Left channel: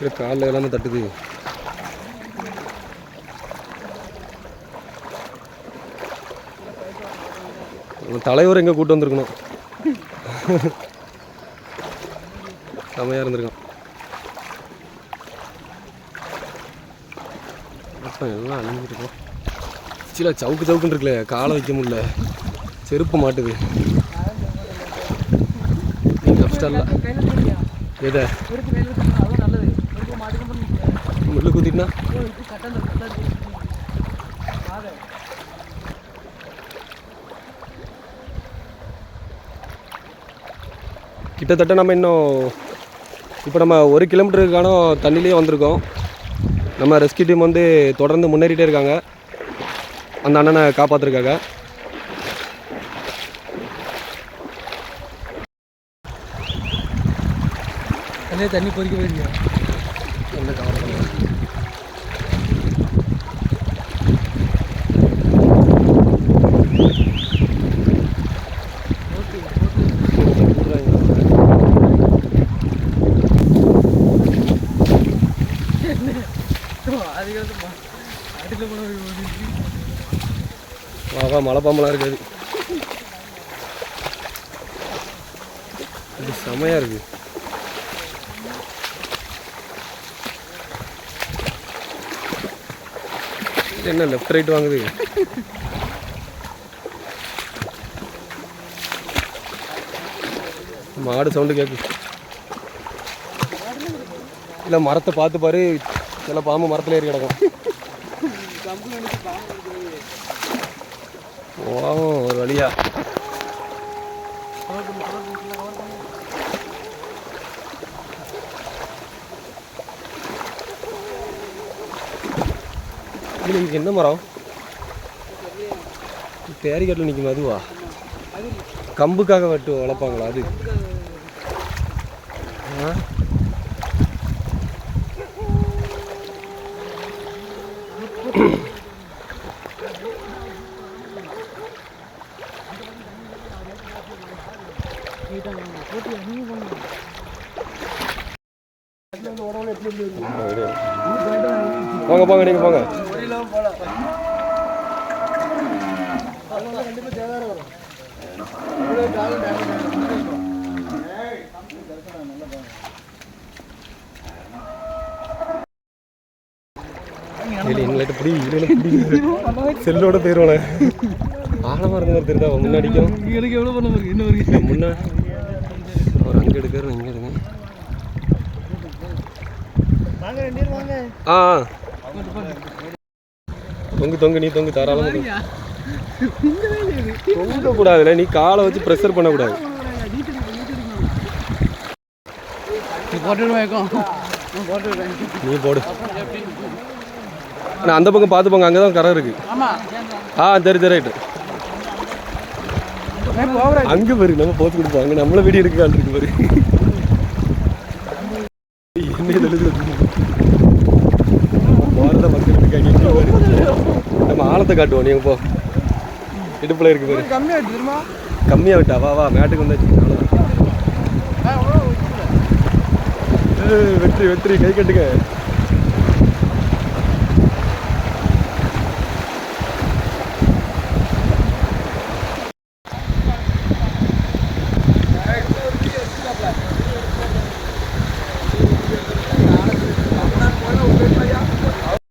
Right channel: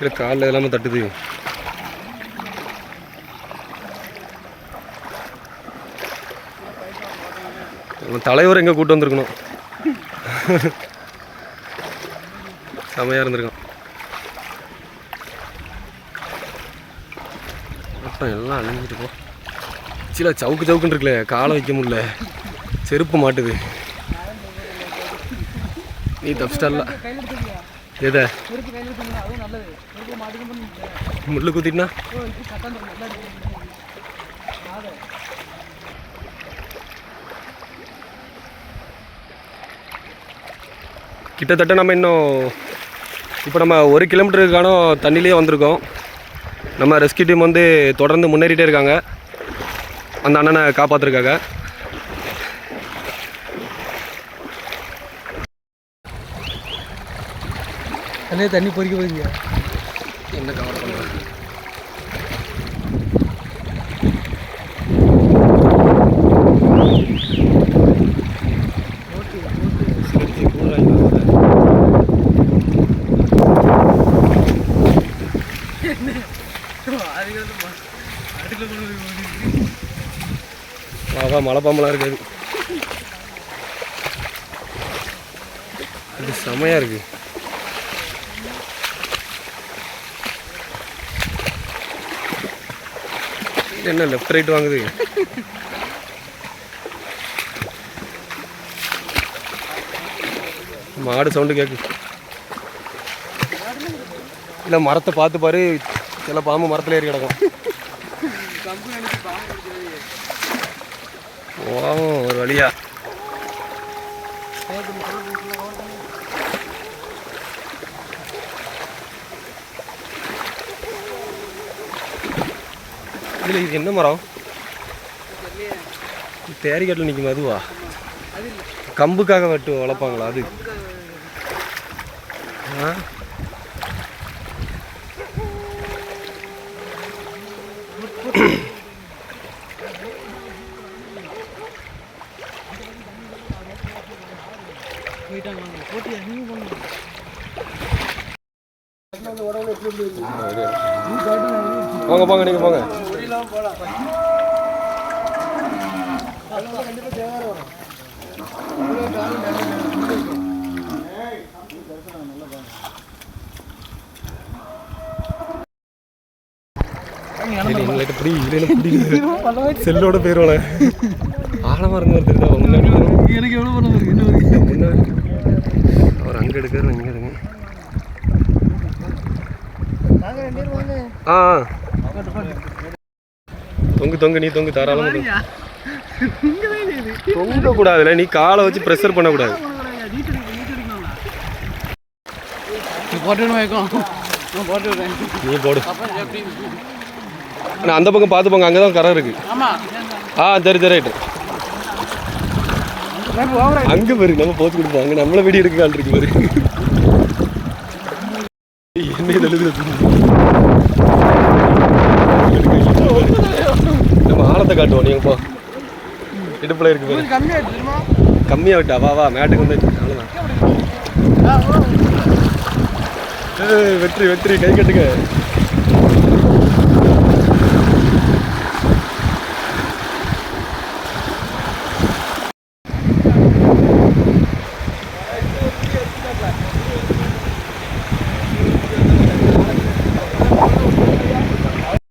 இல்லை காலில் எல்லாமே தட்டுது. தலைவர் எங்கே கூட்டு வந்திருக்கணும். செமையாக இருந்திருக்கான். அப்போ எல்லாம் அழிஞ்சிட்டு போ. சில சவுக்கு சவுக்குன்னு இருக்குல்ல, காலை வைக்க முடியல, செருப்பு மாட்டுது. நீ தப்பிச்சிட்டல்ல. எதை முள்ளு குத்திட்டுனா கிட்டத்தட்ட நம்ம இன்னும் இப்போ நம்ம 1 கிலோமீட்டருக்கான தண்ணியிலே வந்திருக்கோம். நம்ம ரெஸ்கியூ டீம் வந்து தொடர்ந்து முன்னேறிட்டே இருக்காங்க. அந்த அண்ணனை காப்பாற்றிருக்காங்க. தண்ணி பொறிக்க போயிருங்க. என்ன கவலை பண்ணுறேன். வா மழை பாம்பெல்லாம் இருக்காது. அது செமையாக இருக்குது. என்ன லெஃப்ட் ரைட் வாங்குது. மாடு சவுண்டு கேட்கு. இல்லை மரத்தை பார்த்து பாரு, சில பாம்பு மரத்தில் ஏறி கிடக்கும். ஓ ஒரு வழியா இதில் இது என்ன மரம்? பேரிக்காட்டில் நிற்கும். அதுவா கம்புக்காக வெட்டு வளர்ப்பாங்களா? அது போங்க போங்க, நீங்கள் போங்க. இல்லை பிடி செல்லோட போயிடுவானே. ஆழமாக இருந்த மாதிரி தெரியுதா? முன்னாடிக்கும் எனக்கு எவ்வளோ பண்ண இருக்கு. இன்னும் முன்னாடி அவர் அங்கே எடுக்கிறார், இங்கே எடுங்க. ஆ தொங்கு நீ தொங்கு தாராளமாக தொங்க கூடாதுல்ல. நீ காலை வச்சு ப்ரெஷர் பண்ணக்கூடாது. நீ போடு. ஆனால் அந்த பக்கம் பார்த்து போங்க, அங்கே தான் கரை இருக்கு. சரி ரைட்டு. அங்கே பாரு, நம்ம போச்சு கொடுப்போம். அங்கே நம்மளை வெடி எடுக்கான் இருக்கு பாரு. என்ன நம்ம ஆழத்தை காட்டுவோம். நீங்க போ, இடுப்புல இருக்கு பாரு. கம்மியா விட்டா வா வா, மேட்டுக்கு வந்து அவ்வளோதான். வெற்றி கை கட்டுங்க.